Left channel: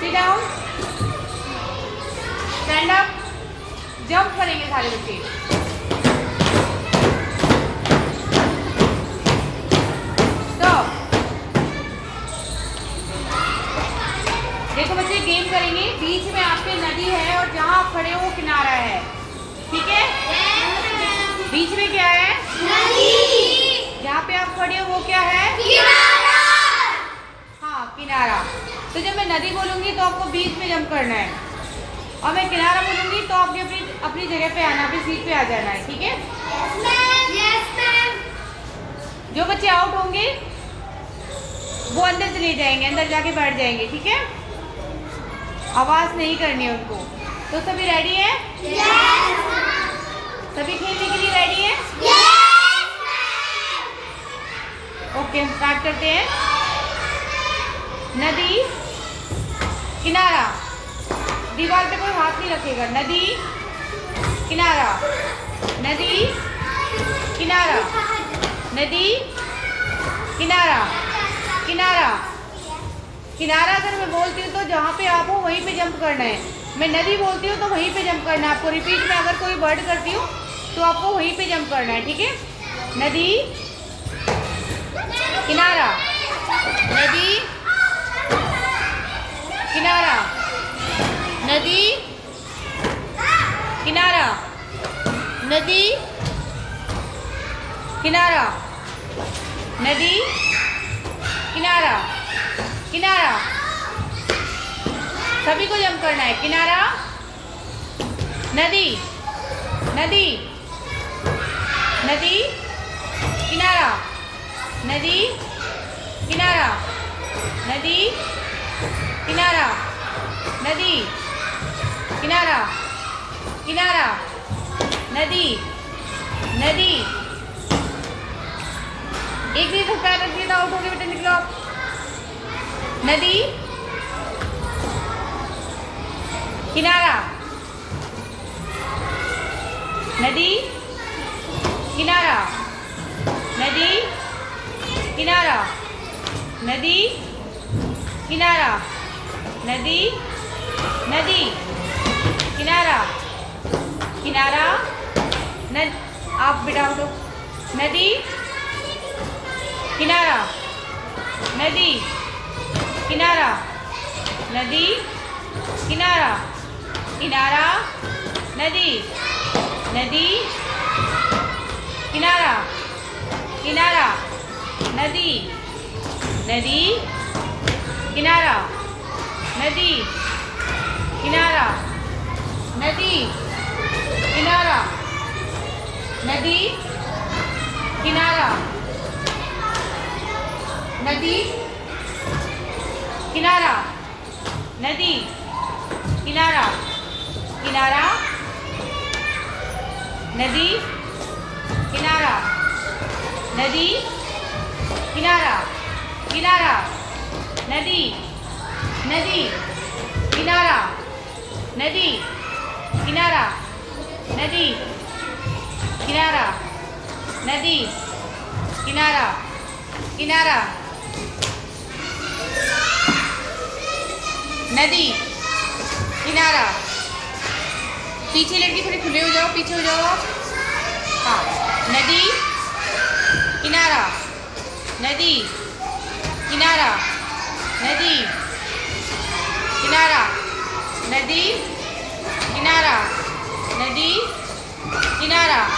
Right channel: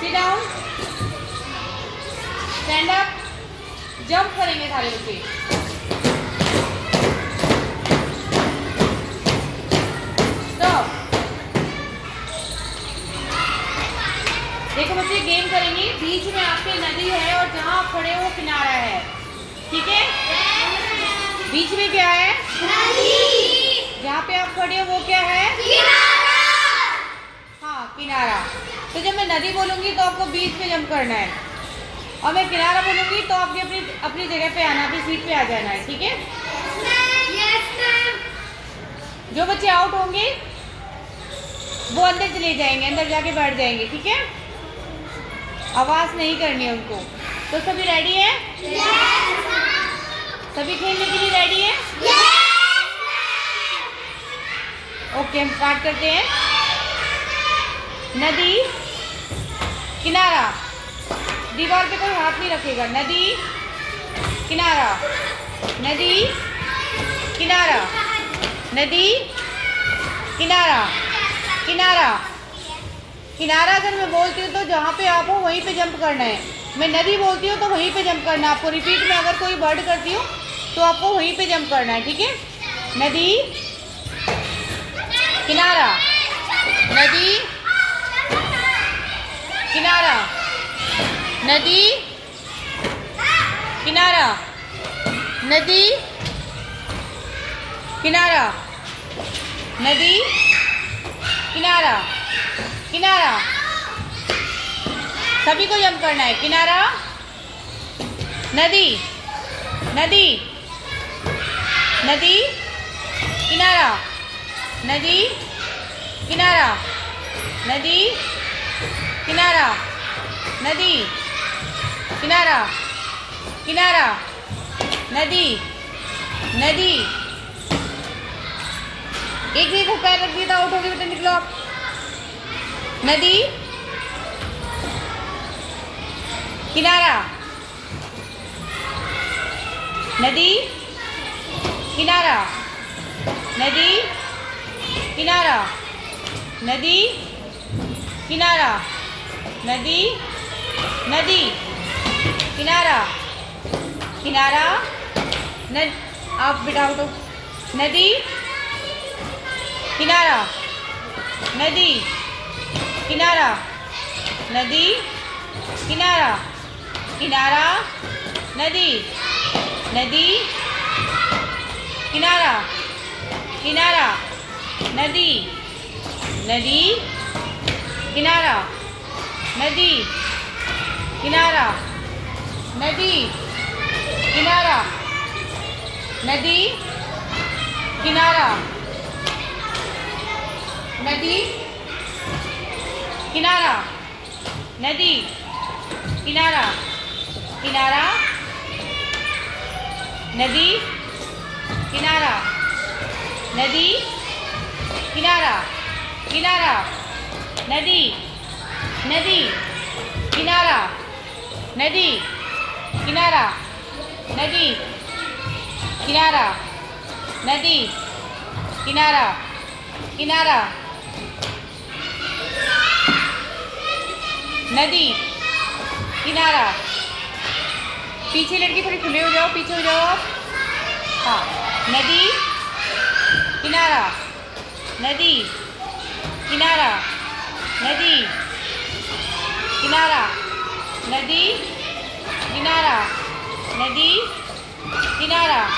Sit down. Stand up. Jump करेंगे सारे बच्चे। Stop. देखो बच्चे गेम करेंगे। बीच में आपके नदी है और जहाँ आप खड़े हो वो किनारा है, ठीक है? बीच में क्या है? नदी। जहाँ पे आप खड़े हो वो क्या है? किनारा। हाँ, किनारा। तो जब मैं नदी बोलूंगी तो आपको बीच में जंप करना है और मैं किनारा बोलूंगी तो आपके अपनी जगह पे आना, अपनी सीट पे आ जाना है, ठीक है? Yes ma'am. जो बच्चे आउट होंगे वो अंदर चले जाएंगे, अंदर जाके बैठ जाएंगे, ठीक है? आवाज नहीं करनी है उनको। तो सभी रेडी है? यस। सभी खेलने के लिए रेडी है? यस। ओके, हम स्टार्ट करते हैं। नदी, किनारा। दीवार पे कोई हाथ नहीं रखेगा। नदी, किनारा। नदी, किनारा। नदी, किनारा। किनारा। किनारा अगर मैं बोलती हूँ तो जहाँ पे आप हो वहीं पे जंप करना है। मैं नदी बोलती हूँ तो वहीं पे जंप करना है आपको। रिपीट में अगर कोई वर्ड करती हूँ तो आपको वहीं पे जंप करना है, ठीक है? नदी, किनारा। नदी, किनारा। नदी, किनारा। नदी, किनारा। नदी, किनारा। किनारा। सभी को जंप करना है। किनारा, नदी, नदी, नदी, किनारा। नदी, किनारा। नदी, किनारा। नदी, किनारा। किनारा। नदी, नदी। एक नहीं सकता है, रख दिया आउट हो गया बेटा, निकलो। नदी, किनारा। नदी, किनारा। नदी, किनारा। नदी, किनारा। नदी, नदी, किनारा। किनारा। आप बेटा उठो। नदी, किनारा। नदी, किनारा। नदी, किनारा। किनारा। नदी, नदी, किनारा। किनारा। नदी, नदी, किनारा। नदी, किनारा। नदी, किनारा। नदी, किनारा। नदी, किनारा। नदी, किनारा। किनारा। नदी, किनारा। नदी, किनारा। किनारा। नदी, नदी, किनारा। नदी, किनारा। नदी, किनारा। नदी, किनारा। किनारा। नदी, किनारा। पीछे लड़की थोड़ी खुले हो जाओ, पीछे हो जाओ आप। हाँ, नदी, किनारा। नदी, किनारा। नदी, किनारा। नदी, किनारा। नदी, किनारा।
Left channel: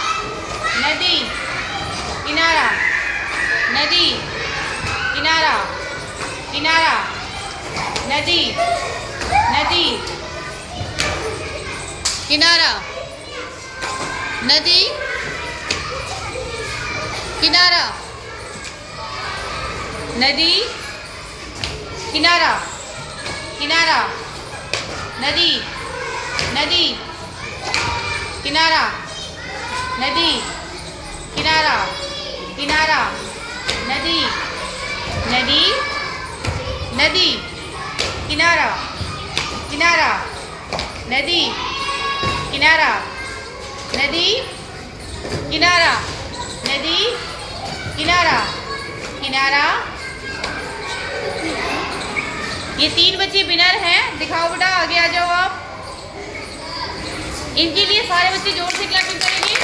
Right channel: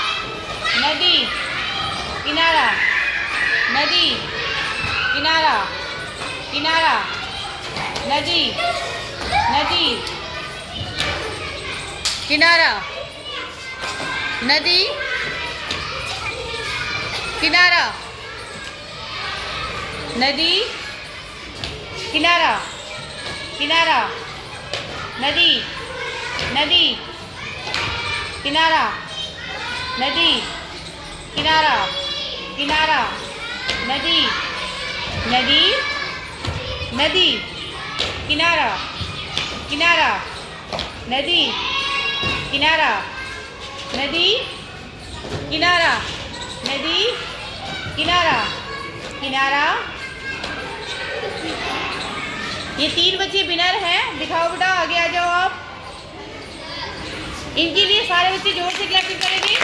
नदी, किनारा। नदी, किनारा। किनारा। नदी, नदी, किनारा। नदी, किनारा। नदी, किनारा। किनारा। नदी, नदी, किनारा। नदी, किनारा। किनारा। नदी, नदी, नदी, किनारा। किनारा। नदी, किनारा। नदी, किनारा। नदी, किनारा। किनारा। ये 3 बच्चे विनर हैं। दिखाओ बेटा, आगे आ जाओ आप। इनके लिए सारे बच्चे जोर से क्लैपिंग करेंगे।